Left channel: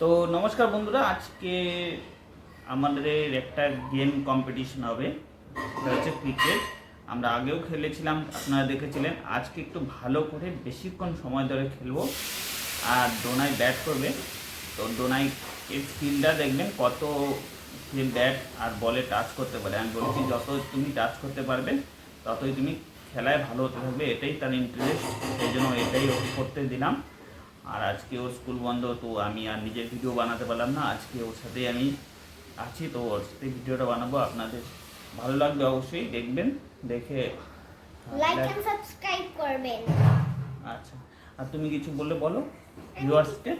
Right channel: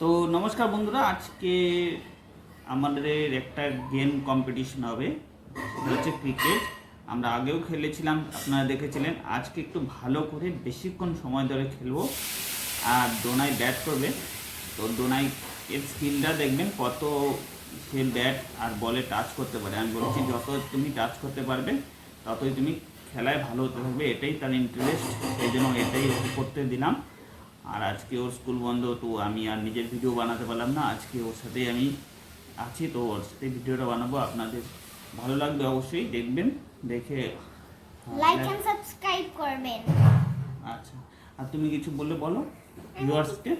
তো নমস্কার বন্ধুরা, আজকে আমাদের একটা গেম কম্পিটিশন হবে, সেটা হচ্ছে ক্রিকেট। আমরা আগেও খেলেছিলাম, আপনারা দেখেছিলেন। আজকে একটু ভালো করে বেশিক্ষণ সময় ধরে খেলবো। আর ডোনাই ব্যাট করবে, তো ডোনাই এর স্কিলটা দেখবেন কত সে ব্যাট আর বলে টাচ করতে পারে। আমি বলেছি যত তুমি টাচ করতে পারবে ততই তুমি খেলায় ভালো হতে থাকবে, এটাই তার ইন্টারেস্ট, সেই জন্য এটাই ওকে করতে দিলাম। আর আজকে ওর স্কুল বন্ধ, তো আমি আর নিজের ভিডিও বানাতে পারলাম না। আজকে ওর সাথেই আমি আছি, তো ওর সাথে ভিডিওটা বানাবো। আপনাদের ভালো লাগবে, অবশ্যই দেখবেন, দেখে লাইক এন্ড সাবস্ক্রাইব করবেন। আচ্ছা, আর তুমি কিছু বললে বলো ভিউয়ার্সকে।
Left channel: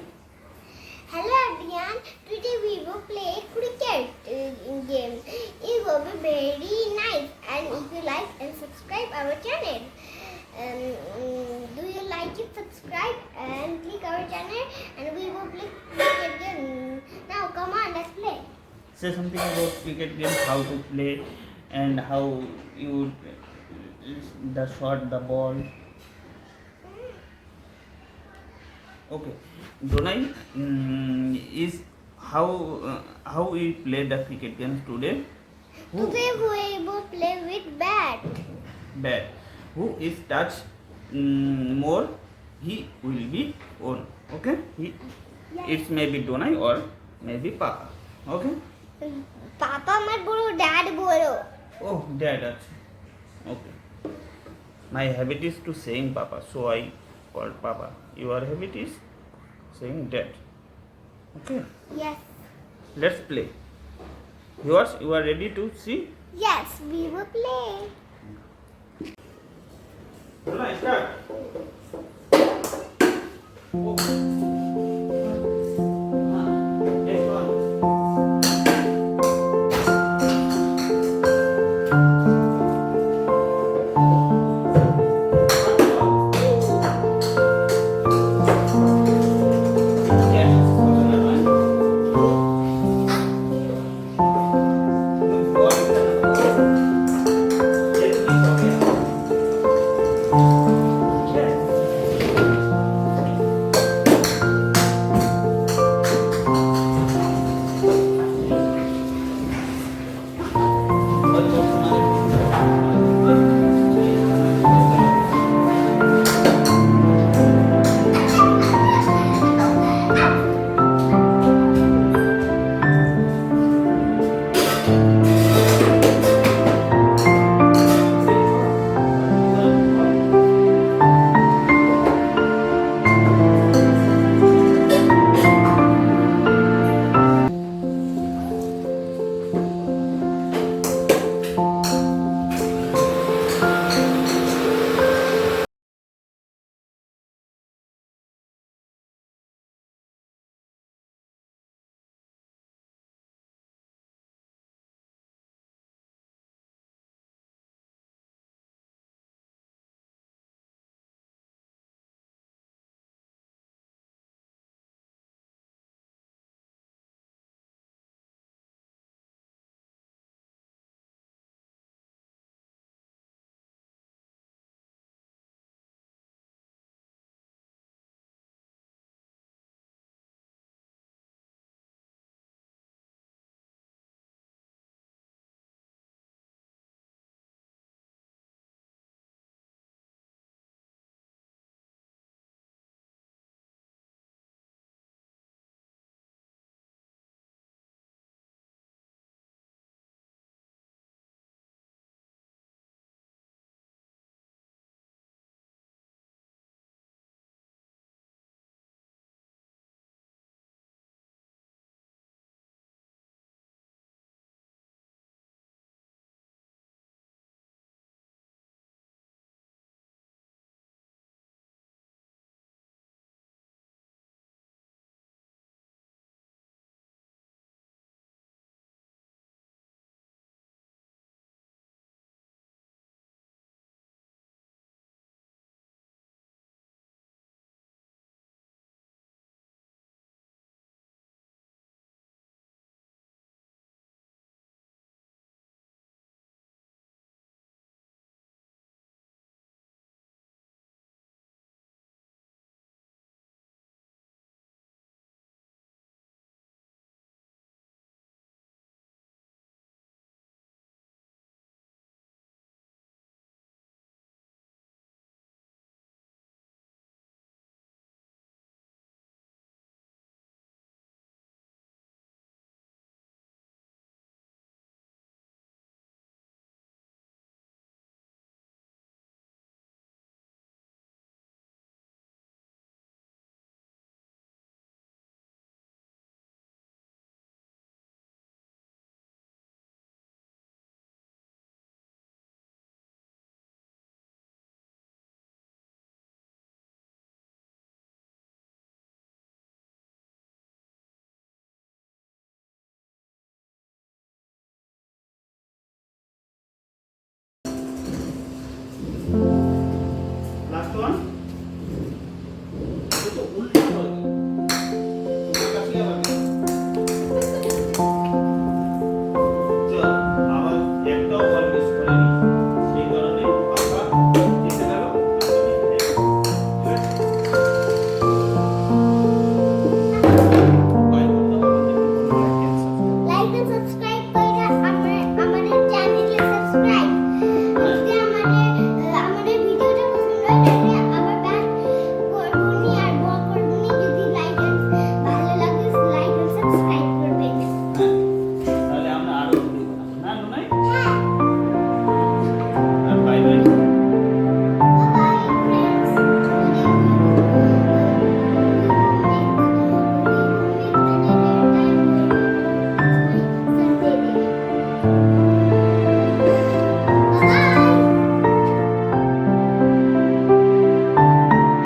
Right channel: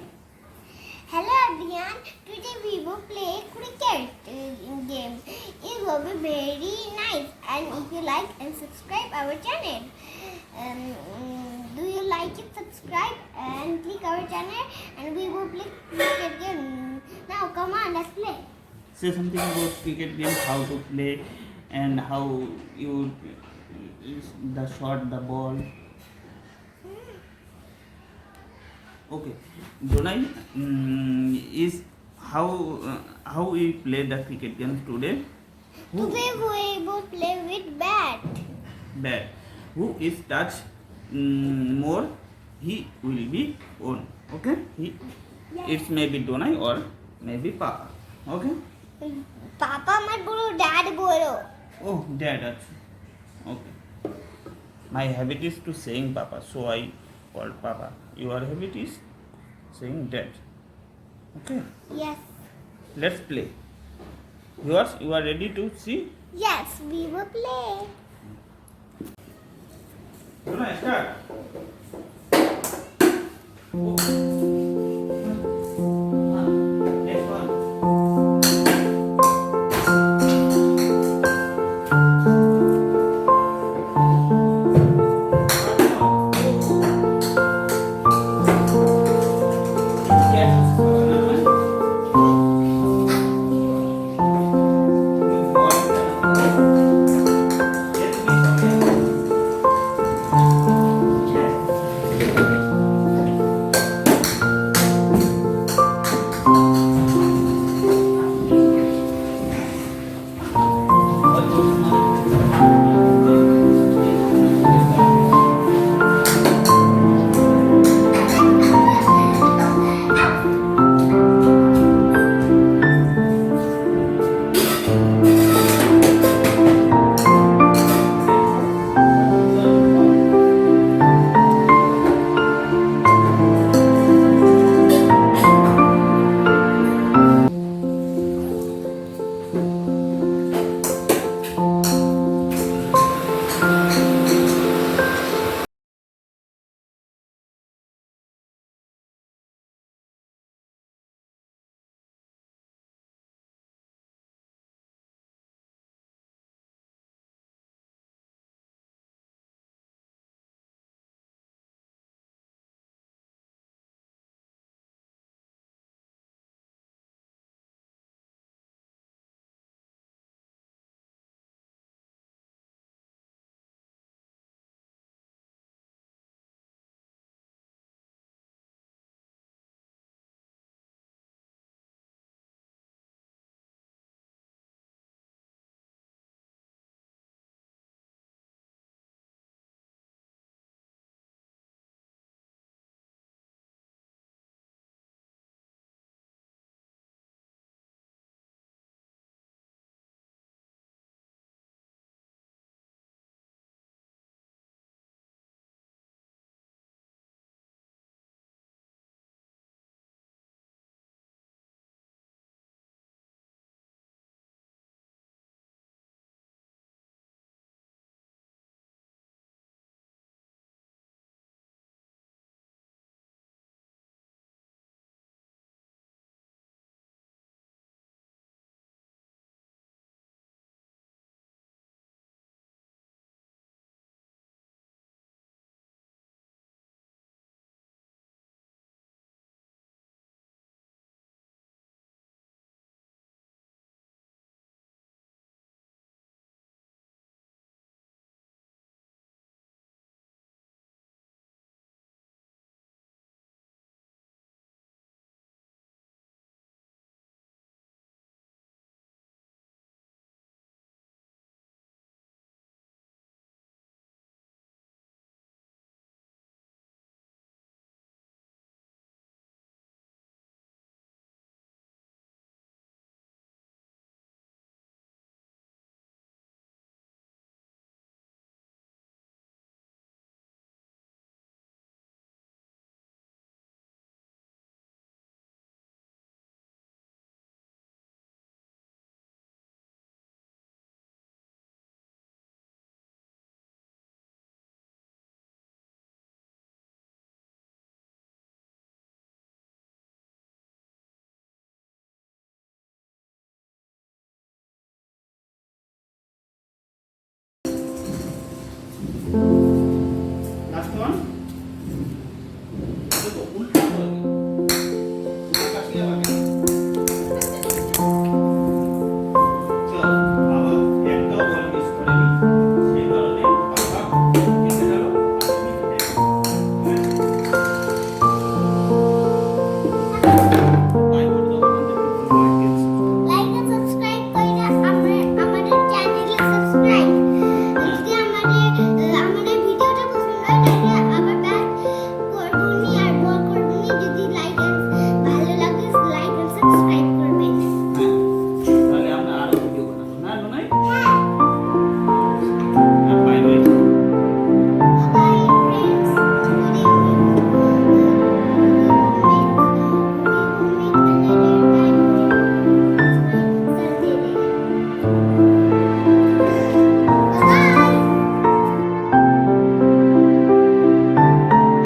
Hello everyone, today we will play cricket game. It will be very nice, and if you like and subscribe our channel, do you like it? Subscribe and click our channel, and we will play cricket game. Now come on, let's play. Say something about cricket game, how to play and how you the shot, the ball. Okay, Donai, is how we play the cricket games today. Today we will play with bat. Bat. Who is touch more, he will be on. Okay, it may be Donai or maybe Papa. Okay. Papa mat bolo, dad bolo. Oh, dad. Okay. My habit is to saying Papa, so I called Papa. Your habit is saying dad. Okay. Yes. Let's play. Yours, you are ready to see? Yes, we will play. Start. Oh.